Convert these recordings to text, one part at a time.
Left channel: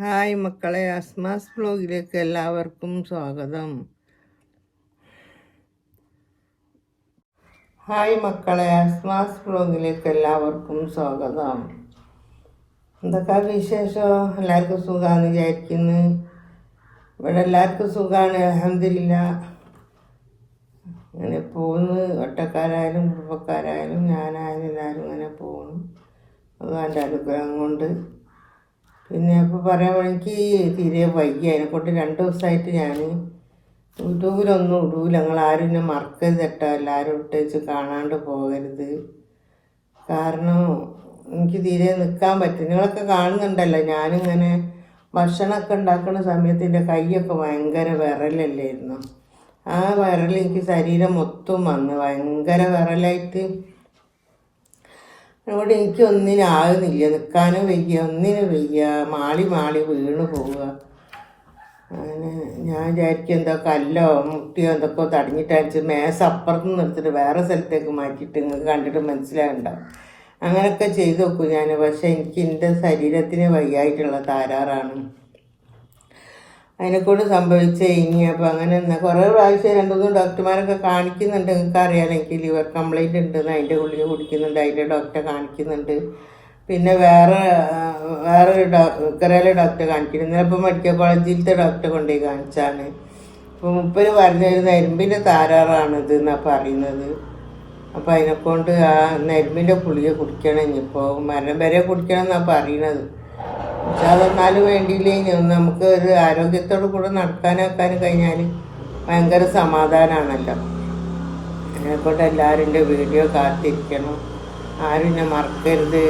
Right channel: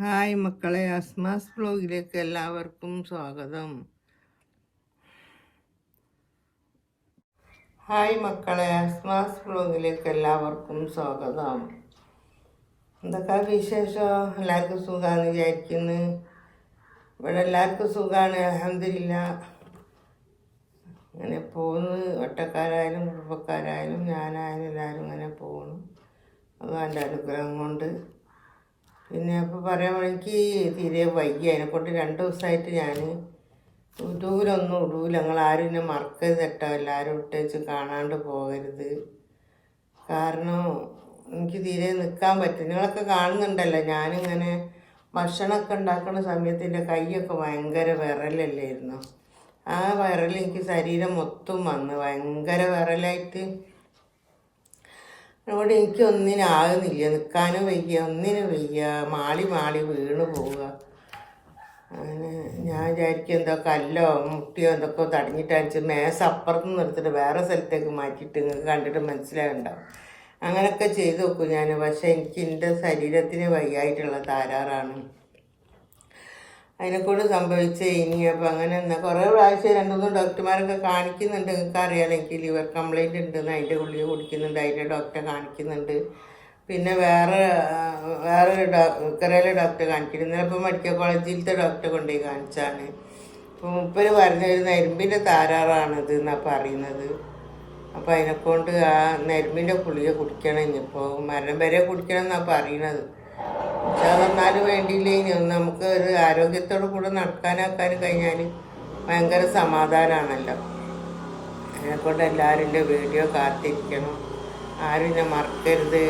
Hi മക്കളെ അസ്മാസ് ബ്ലോഗിലേക്ക് എല്ലാവർക്കും സ്വാഗതം. ഹായ് മക്കളെ അസ്മാസ് ബ്ലോഗിലേക്ക് എല്ലാവർക്കും സ്വാഗതം. എന്തൊക്കെ വിശേഷം? എല്ലാവർക്കും സുഖമാണെന്ന് വിചാരിക്കുന്നു. ഇവിടെ എല്ലാവർക്കും സുഖമാണ് അലഹമില്ല അങ്ങനെ പോകുന്നു ഒറ്റക്കാരായാലും കുടുംബക്കാരായാലും ഞാനായാലും എല്ലാവരും അങ്ങനെ പോകുന്നു അത് എന്റെ അനുഗ്രഹം കൊണ്ട്. പിന്നെ അപ്പോൾ പറയാൻ എനിക്ക് തീരെ വയ്യ. അതിനെക്കൊണ്ട് രണ്ട് ദിവസമായിട്ട് ഞാൻ യൂട്യൂബിലൊന്നും ഇടൂല. ഞങ്ങൾ ആരും എന്നെ മറക്കരുത് കേട്ടോ. എല്ലാവരും ഇട്ടേച്ച് കാണാണ്ട് പോകരുത്. കാരണം എനിക്ക് തീരെ നിൽക്കാൻ പറ്റും നിങ്ങളൊക്കെ കാണുന്നുണ്ടല്ലോ. ഞാനിങ്ങനെ ഭക്ഷണമൊക്കെ ഉണ്ടാക്കുന്ന സമയത്ത് എന്റെ കൈയൊക്കെ ഭയങ്കര വിറലല്ലായിരുന്നു ആ വിറൽ എനിക്ക് ശരീരം മൊത്തം വന്ന്. ഭയങ്കര വിറലായിട്ട് അവിടെ എനിക്ക് ഒന്നിനാകുന്നില്ല നിൽക്കാനും വയ്യ ഒന്നിനും വയ്യ. മാളി മാളി വീണ് പോവുക. അങ്ങനെ ഞാൻ വിചാരിക്കും എന്തോ കല്ലോ മുട്ടിയോ എന്തൊക്കെ തടഞ്ഞിട്ട് അടിച്ച് മേശ അപ്പുറത്ത് നിർത്തിട്ട് വേറെ സ്ഥലത്തേക്ക് മാറ്റിയിട്ട് നിങ്ങൾക്ക് കണ്ടിട്ട് മനസ്സിലാവുണ്ടാവും അങ്ങനെയൊക്കെ ചെയ്തു നോക്കും ഞാൻ. പക്ഷേ എനിക്ക് എന്റെ ശരീരത്തിന് വയ്യായിട്ടുള്ള താരാറാണ് അതിനെക്കൊണ്ട് സംഭവിച്ച ഇനി. അപ്പം അങ്ങനെ കുറേ പ്രാവശ്യം രണ്ട് മൂന്ന് ഡോക്ടർമാരൊക്കെ കാണിക്കുന്നുണ്ട്. നിങ്ങൾക്ക് അറിയാമെങ്കിൽ എനിക്ക് ലിവർ കംപ്ലൈന്റ് ഉണ്ടെന്ന് അതിന്റെ ഗുളിക കുടിക്കുന്നുണ്ട്. അതിന്റെ ഡോക്ടറെ കാണിക്കുന്നുണ്ട്. പിന്നെ വേറെ വേറൊരു ഡോക്ടറെ ഡോക്ടറെ കാണിക്കുന്നുണ്ട്. ഇപ്പോൾ മെഡിക്കൽ കോളേജിലത്തെ ഡോക്ടറെ കൊണ്ടുപോയി കാണിച്ചാണ് അപ്പോൾ മുപ്പര് പറഞ്ഞൊരു നരമ്പിന്റെ താരാറാണിത് എന്നാണ് പറയുന്നത്. അപ്പോൾ അതിനെക്കൊണ്ട് ആ നരമ്പിന്റെ ഗുളിക കുടിക്കണം. ഇനിയിപ്പോൾ മരണം വരെ കുടിക്കണം എന്നാണ് പക്ഷെ അതൊന്നാലും വേണ്ടിയില്ലേ? ഇനി ഒന്ന് നമുക്ക് ഒരു ആരോഗ്യത്തോടു കൂടെ നടക്കാനാക്കാനും കഴിഞ്ഞാൽ ഭയങ്കര സമാധാനമാണല്ലോ അതിനെക്കൊണ്ട് എല്ലാവരും എന്റെ വീഡിയോ കാത്തിരിക്കണം. ആരും എന്നെ മറക്കരുത്.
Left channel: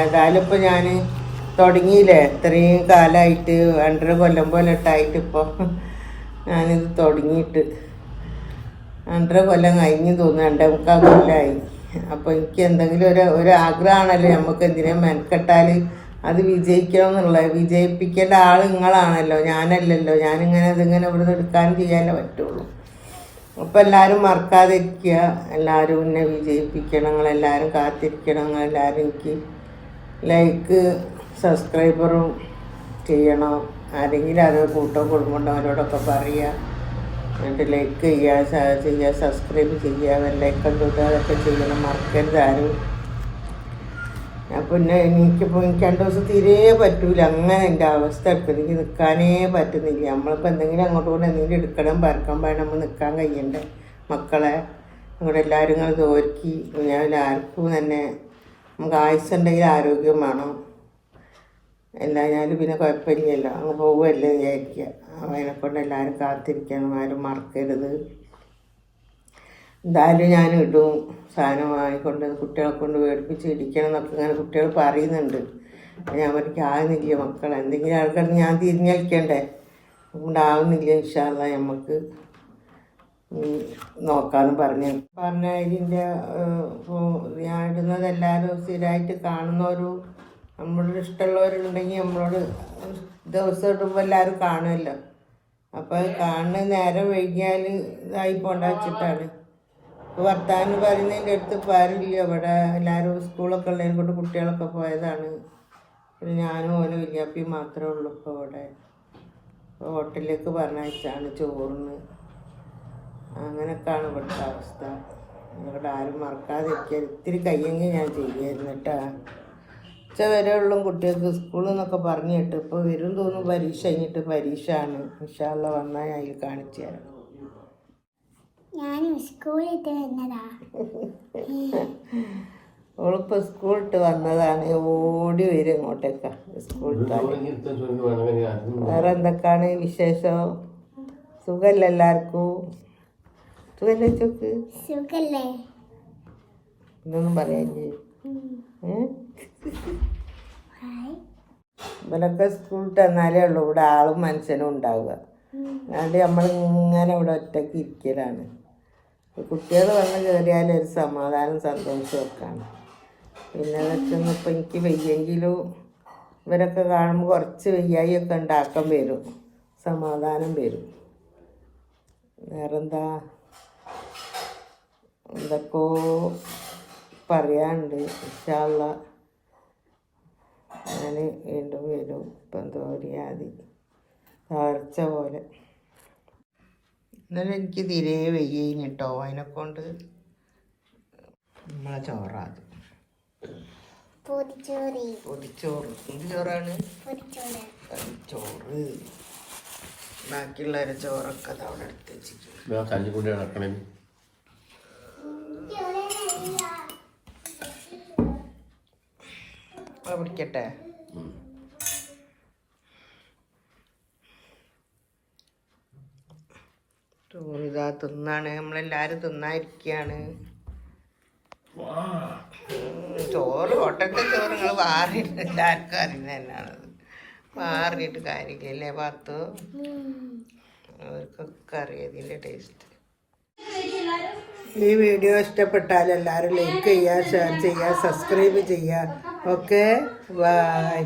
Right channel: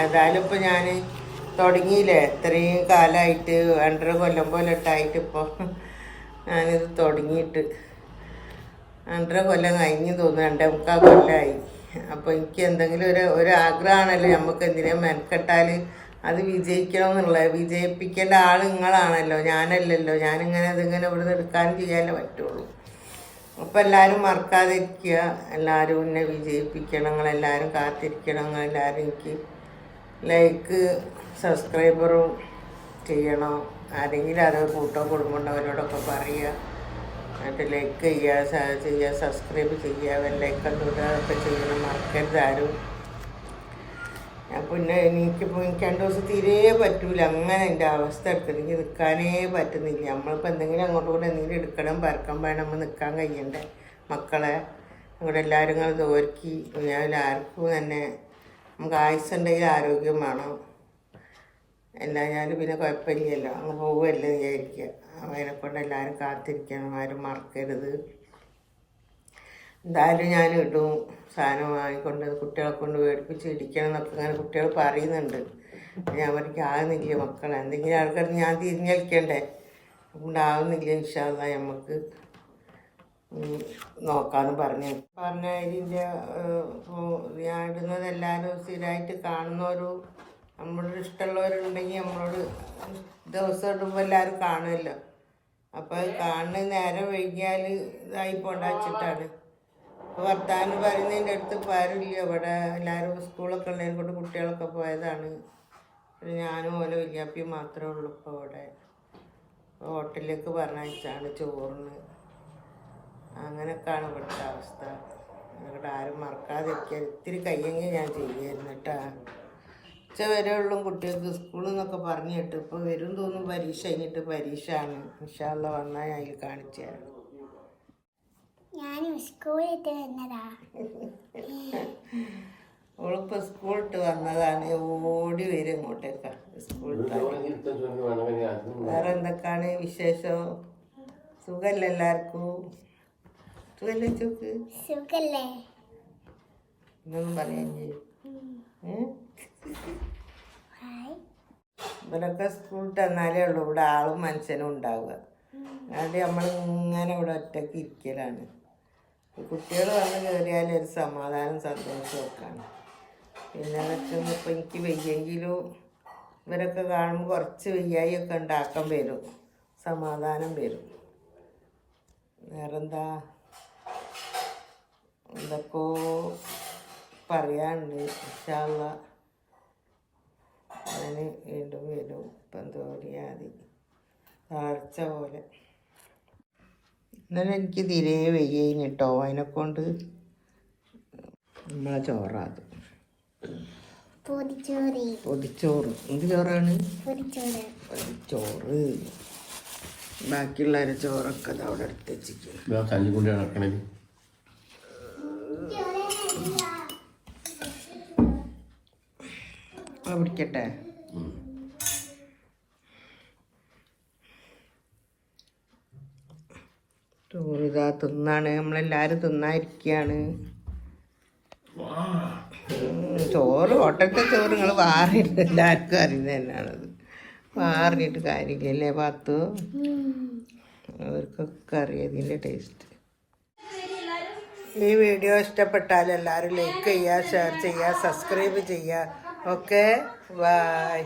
ഏതായാലും ഇപ്പോൾ ഞാൻ തുടങ്ങിയില്ലേ? ഇത്രയും കാലമായിട്ട് രണ്ടര കൊല്ലം പോലെ ഇട്ടായിട്ട് ഇപ്പോൾ ഞാനിത് തുടങ്ങിയിട്ട് രണ്ടര കൊല്ലം കഴിഞ്ഞു തോന്നുന്നു. രണ്ടേ മുക്കാൽ കൊല്ലമായി അപ്പോൾ എനിക്ക് എന്തെങ്കിലും ഒരു ഒരു ആഗ്രഹമാണല്ലോ. നമുക്ക് എന്തിനാ മെനക്കെട്ടാൽ അത് വിജയിക്കണം എന്നുള്ളത് വിജയിപ്പിക്കേണ്ട ആൾ നിങ്ങളാണല്ലോ ഞാനല്ലല്ലോ. ഞാനിങ്ങനെ ഇതിങ്ങനെ ഇവിടുന്ന് എടുക്കാനും ചെയ്യാനേ പറ്റുള്ളൂ. അപ്പോൾ എല്ലാവരും മറക്കാതിരിക്കുക. എല്ലാവരും എന്നെ വിജയിപ്പിക്കണം. നിങ്ങളെല്ലാവരും കാത്തിരിക്കണം. നിങ്ങളെല്ലാവരും എനിക്ക് ലൈക്ക് സബ്സ്ക്രൈബറും ചെയ്യണം. ആരെങ്കിലും അത് കൂട്ടോ കുടുംബമുണ്ടവരോടൊക്കെ പറയുക എന്നിട്ട് ലൈക്ക് ചെയ്യുക ചെയ്യുക സബ്സ്ക്രൈബ് ചെയ്യുക ലൈക്ക് തൊട്ട് അതൊക്കെ ചെയ്യണം. മറക്കരുത് ആരും. പിന്നെ എനിക്കിപ്പോൾ എനിക്ക് രണ്ട് ദിവസം തീരെ പറ്റൂല. അങ്ങനെ എന്റെ അവസ്ഥ എടുക്കുന്നത് എനിക്ക് നിൽക്കാനേ പറ്റുന്നില്ല. നമ്മളിപ്പോൾ എന്തെങ്കിലും അങ്ങോട്ട് കൂടെ എന്തെങ്കിലും എടുക്കണം പറക്കാൻ വേണം നമ്മൾ നിൽക്കാൻ കഴിയണ്ടേ. മക്കളെ ഇവിടെ എല്ലാവരും കൂടെ തോൽക്കി ഞാൻ ആർക്കും തന്നെ നമുക്ക് ആയുസ്സുണ്ടെങ്കിൽ ആരോഗ്യം വേണം. എല്ലാഞ്ഞാലും പിന്നെ കുഴപ്പമില്ലല്ലോ. അങ്ങ് പോകുമല്ലോ വിചാരിക്കുക. അതിനെക്കൊണ്ട് എല്ലാവരും കാത്തിരിക്കണം ആരും മറക്കരുത്. എന്തായാലും ഞാൻ ഇടും സാധനം വാങ്ങിക്കൊണ്ട് കുട്ടികളെ കൊണ്ട് മേടിപ്പിച്ച് ഇടിക്കണം എന്നൊക്കെ ഇങ്ങനെ കുട്ടികൾ പറയുന്നുണ്ട്. ഞാൻ അവർക്ക് ആകുന്നില്ല മക്കൾ എന്തെങ്കിലും ആൾക്കാർ ഞാൻ തിരിഞ്ഞളിക്കണ്ടേ ഉണ്ടാവുന്നില്ല ഇൻഷാല്ല നമുക്ക് നോക്കാന്ന് പറഞ്ഞു. പറഞ്ഞ ഇതിന്റെ ഞാൻ ഇടുന്നത് എല്ലാവരും സ്ഥിരമായിട്ട് കാണുന്നവരും നമ്മളോട് ഇഷ്ടമുള്ളവരുണ്ടെങ്കിൽ നമ്മളോട് ദിവസം ഇടുമ്പോൾ എല്ലാവരും കാണുമല്ലോ അപ്പോൾ കാണുന്ന നേരം വൈകിയാൽ ഇതായി പോണ്ട വെച്ചിട്ടാണ്. വർത്താനം പറയുന്നതിന്റെ അടുത്ത് ഇപ്പോൾ അവിടെ എല്ലാവരും സ്കൂളൊക്കെ ഉള്ളതിനെ കൊണ്ട് കുട്ടികളൊക്കെ പോയതാണ്. ഞാനും ഓല വിദ്യാർത്ഥിയും മാത്രമേ ഉള്ളൂ ഇപ്പോൾ അവിടെ. ഹോട്ടലിലേക്ക് പറഞ്ഞയച്ചാണ് ചോറിന്. അങ്ങനെയൊക്കെയാണ് ഇവിടുത്തെ അവസ്ഥ. ഇവിടെ ആരും മറക്കാതിരിക്കാൻ ഇത്തിരി കയ്യെങ്കിൽ ഞാൻ ചെയ്യായിരുന്നു കേട്ടാ. ഉച്ച വരെ ഉള്ളും കുട്ടികൾക്ക് സ്കൂളിൽ നിന്നൊക്കെ പറഞ്ഞിട്ട്. ഇപ്പോൾ വരും തോന്നും പരീക്ഷ കഴിഞ്ഞിട്ട് പരീക്ഷ ആണ് ഇൻഷാല്ല വന്നാൽ ഞാൻ അതിൽ കാണിച്ചു തരാം. ഞാൻ സ്കൂളിട്ട് വന്നതാ. സ്കൂളിട്ട് വന്നതാണ്. ഓടി വരും ഇങ്ങോട്ടേക്കാ. സ്കൂൾ വേറെ എന്തൊക്കെയാണ് വിശേഷം? സുഖല്ല എല്ലാവർക്കും? സുഖല്ലേ ചോക്ക് സുഖല്ലേ. ഇതൊന്നും പറയാൻ ഇവരൊക്കെ സ്കൂളിട്ട് വന്നാലേ ഉള്ളൂ. ഇവിടെ ആളും മനുഷ്യനും ഉണ്ടാവുക. അതുകൊണ്ട് നമ്മളിങ്ങനെ ഇവിടെ ഒറ്റയ്ക്ക് ഇരിക്കലാണ്. കുട്ടികൾ വന്ന് കയറിയാലും ഒരു സമാധാനം സന്തോഷമൊക്കെയാണ് പിന്നെ വെച്ചൊന്നും ഇപ്പം എനിക്ക് വയ്യെങ്കിലും ഇവരൊക്കെ കാണുമ്പോൾ കുറച്ച് വയ്യായിയൊക്കെ ഉണ്ടാക്കാൻ വരും. സമാധാനം വരും. വേറെന്താ? എന്തൊക്കെയോ പറയാനുണ്ട്. ഇഷ്ടമുള്ള ഞാൻ വീണ്ടും വരും. ഇപ്പം എന്തോ ഒരു യാതി തളർച്ച പോലെ. ഇന്നലെ എനിക്ക് തീരെ വയ്യേനി കേട്ടോ അതിനെക്കൊണ്ട് നമ്മളെ ചോറാത് പൊതിച്ചോറി. എന്ത് ചോറാണ്? ചോറ്. ബാക്കിയുള്ളവരെ ചോറൊക്കെ ദാ അവിടെ എടുത്ത് വെച്ചിരിക്കുന്നു. അത് പിടിക്കട്ടെ ചോറ് തിന്നാണ്. നമ്മളെല്ലാരും തിന്നായിരിക്കാണ് ചോറ് ഒട്ടത്തെ ചോറ് നിങ്ങൾ വാറിയിട്ട് എല്ലാവർക്കും അറിയുന്നത് തന്നെയാണത്. വാറിയിട്ട് കാര്യമില്ലല്ലേ പത്തു? അവർക്കൊക്കെ അറിയാം ഇതിന്റെ ടേസ്റ്റ് ഈ വീഡിയോ ഇഷ്ടപ്പെട്ടാൽ എല്ലാവരും ലൈക്ക് ചെയ്യുക ഷെയർ ചെയ്യുക സബ്സ്ക്രൈബ് ചെയ്യുക. Okay bye